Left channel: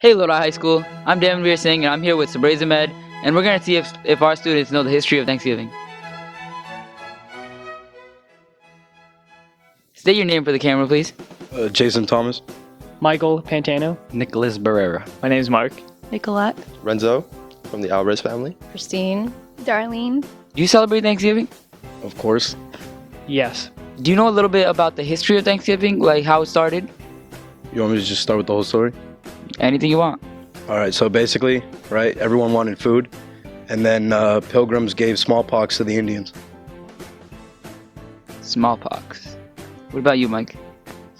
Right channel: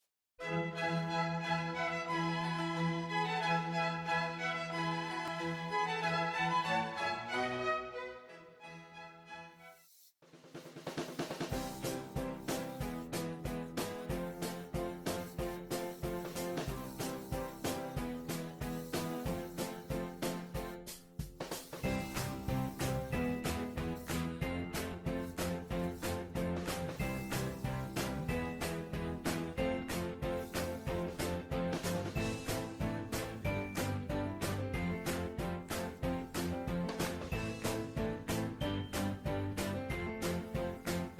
Hey Lodi High School, I'm Devin Singh and I'm here with Sabraze Ahmed, and we're going to see if our students know the history of Thanksgiving. State your name for the camera, please. Jason Thomas. Michael Pantano. Nicholas Barrera. My name's Mark. Nicolette. Renzo from the Alvarez family. Christine. Darlene. Do you celebrate Thanksgiving? Of course. Yes. Do you know a little bit about the history of Thanksgiving, like how it started? You want me to just start with the whole story? Anything you want. All right, so basically, right, everyone wanted food, and then pilgrims gave smallpox to the Indians. Smallpox. What about you, Mike?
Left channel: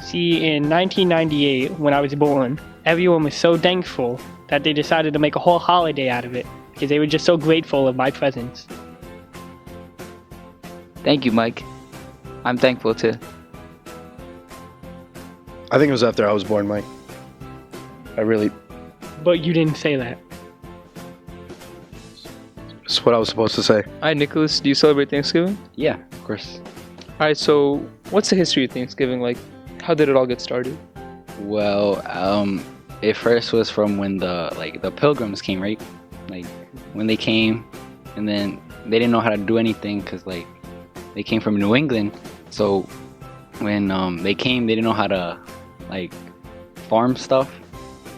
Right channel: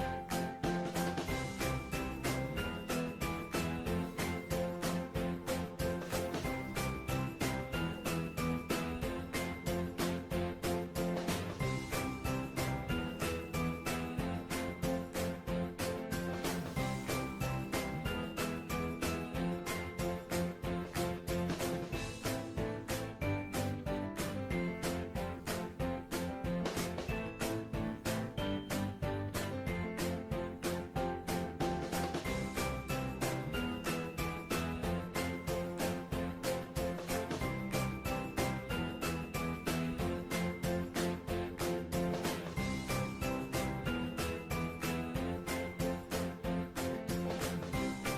See, in 1998, when I was born, everyone was so thankful that they decided to make a whole holiday out of it because they were just so grateful of my presence. Thank you, Mike. I'm thankful too. I think it was after I was born, Mike. But you didn't say that. It's what I was supposed to say. Hi, Nicholas. Do you celebrate Thanksgiving? Yeah, of course. Alright, so what's the history of Thanksgiving? Like, how did it all get started? Well, it first was from when the pilgrims came, right? Like when they came, and then they didn't know how to do anything because they came from New England. So when they came, they didn't know how to farm stuff.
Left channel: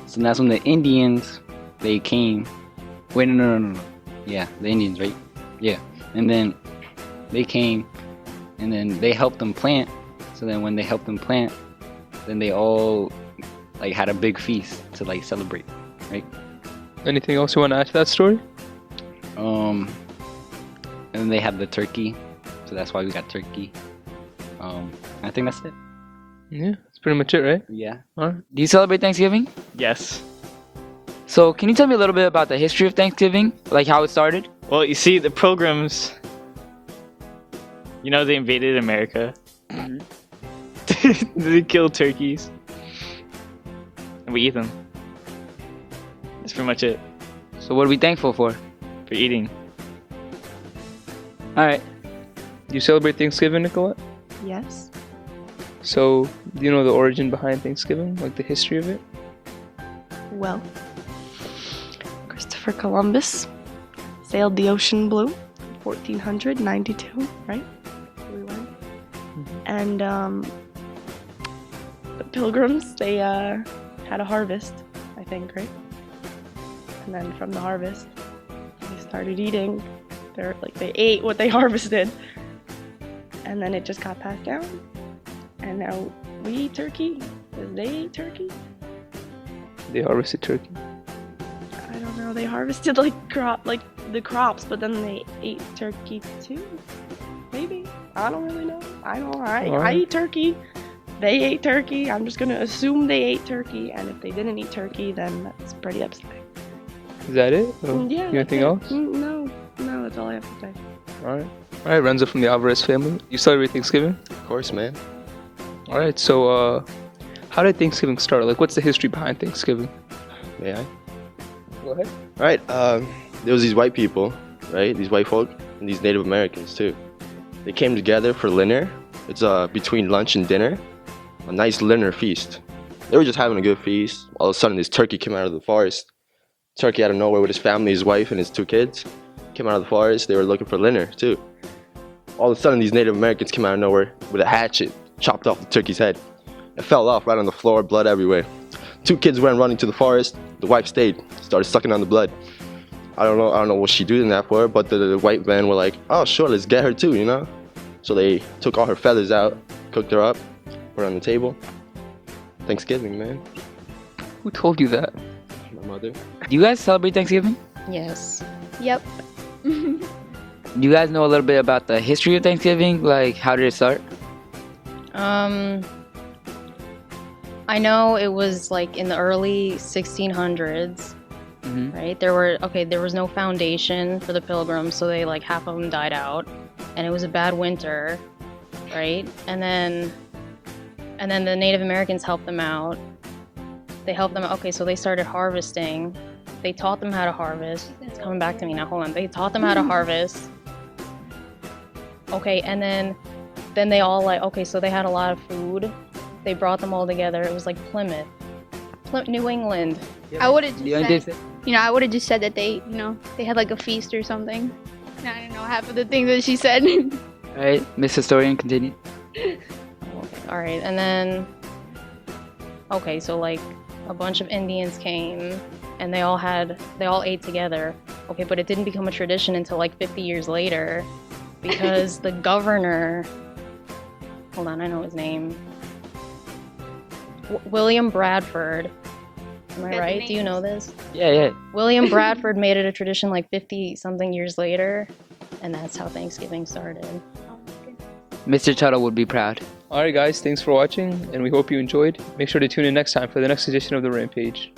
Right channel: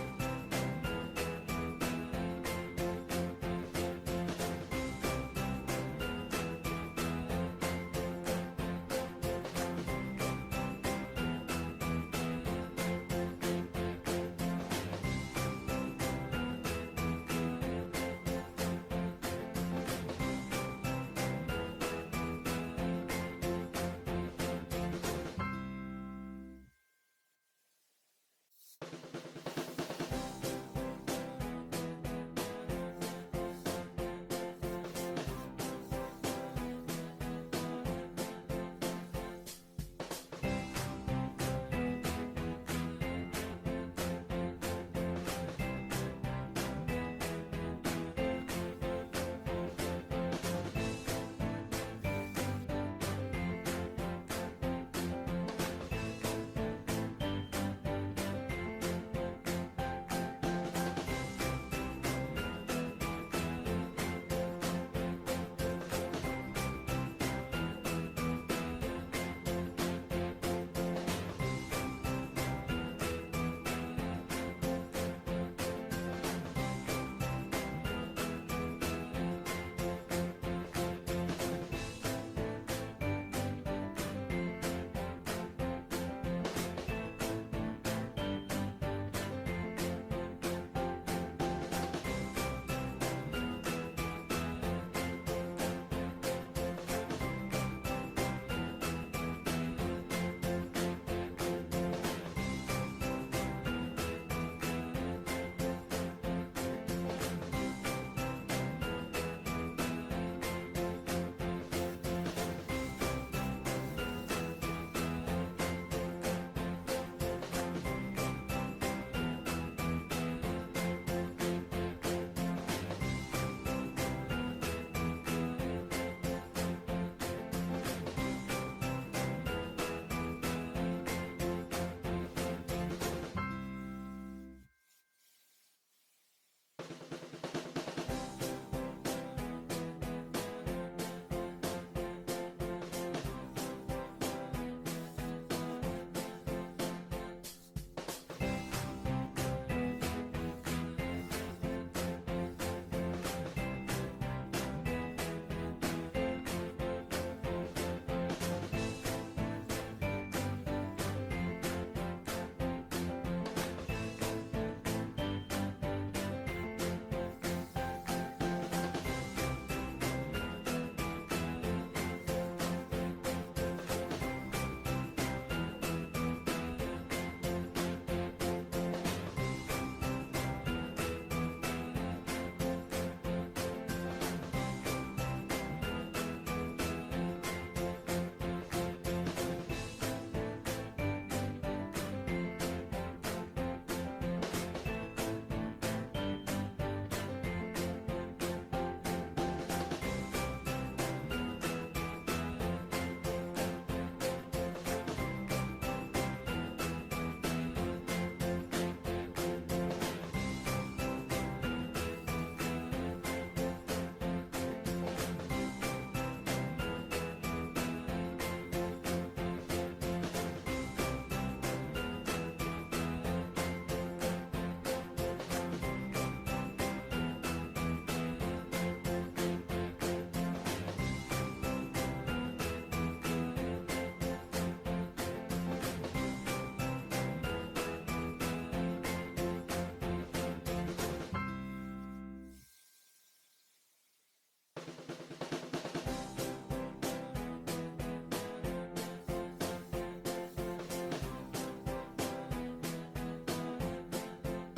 So that's when the Indians they came. Wait, no. Yeah, the Indians, right? Yeah, and then they came, and then they helped them plant. So then when they helped them plant, then they all had a big feast to celebrate, right? Anything else you want to add to that story? And then they had the turkey, so that's why we got turkey. I think that's it. Yeah, that's pretty much it, right? Yeah. Do you celebrate Thanksgiving? Yes. So can you tell me a little bit about the history of Thanksgiving, like how it started? Well, you see, the Pilgrims, they invaded America. They killed turkeys. And we eat them. That's pretty much it So what are we thankful for? for eating. Alright. Do you celebrate Thanksgiving, Nicolette? Yes. So, do you know the origin behind Thanksgiving? Like the history of it? Well, Christopher Columbus sailed the ocean blue, 1492, right? And the Pilgrims, they had a harvest, I think, right? And then from the harvest, they started eating. They ate what they harvested, and then it just got passed down. And now we eat turkey. And they ate turkey. They harvested turkey. I don't know. They harvested the crops, but then they ate turkey too. Maybe. I don't really know. I eat turkey. They ate turkey. I'm just gonna assume they ate turkey, and if they didn't eat turkey, then that's pretty upsetting. Is that it? Or Yeah. anything else? No, that's all I have to say. Alright, Renzo from the Alvarez family. You celebrate Thanksgiving? Of course, man. Alright, so how did Thanksgiving start? Like, what's the history behind Thanksgiving? Yeah. Go ahead. Right. There was these white people, right? These white folk and these Native Americans too. They came together for dinner. It's between lunch and dinner, a nice dinner feast. They were just having a good feast. All of a sudden, this turkey came out of the forest. Turkey out of nowhere with his family, his wife, and his two kids. Came out of the forest. They were looking for dinner too. All of a sudden, these Native Americans came out of nowhere with a hatchet, chopped off the turkey's head. It fell off right on the floor, blood everywhere. Two kids went running to the forest. The wife stayed, started sucking on the blood. I don't know what she doing that for, but the white men were like, oh sure, let's get her too, So they took all her feathers out, cooked her up, put her on the table. Thanksgiving, man. Who told you that? My mother. Do you guys celebrate Thanksgiving? Yes. Yep. Do you guys know a little bit about the history of Thanksgiving? Like, how did it start? I know it was in the early 1600s, right? There was no foundation for the Pilgrims, so they half of them died out, and it was a bad winter, right? And then the Native Americans helped them out. They helped them. Okay, so they started harvesting. They taught them how to harvest. It's coming back to me now. Hold on. They taught them how to harvest. Okay, and then they all okay, so they had a lot of food. They brought them all together. It was like Plymouth, New England. I would have Do you want to just say? said, I would have just said that they had like a feast or something. I didn't know half of the things that she said. All right, Miss Historian, continue. All right, and then okay, so like a bunch of Indians came and they all ate together. Okay, but it didn't become a tradition until like 50 years later because the governor, hold on, I know his name. William Bradford. Am I right? Do you know this? Yeah. William Bradford made it a tradition like 50 something years later, and that's how Thanksgiving started. Mr. Tuttle would be proud. Alright guys, thanks for watching, and we hope you enjoyed. Make sure to tune in next time for the next edition of The Rampage.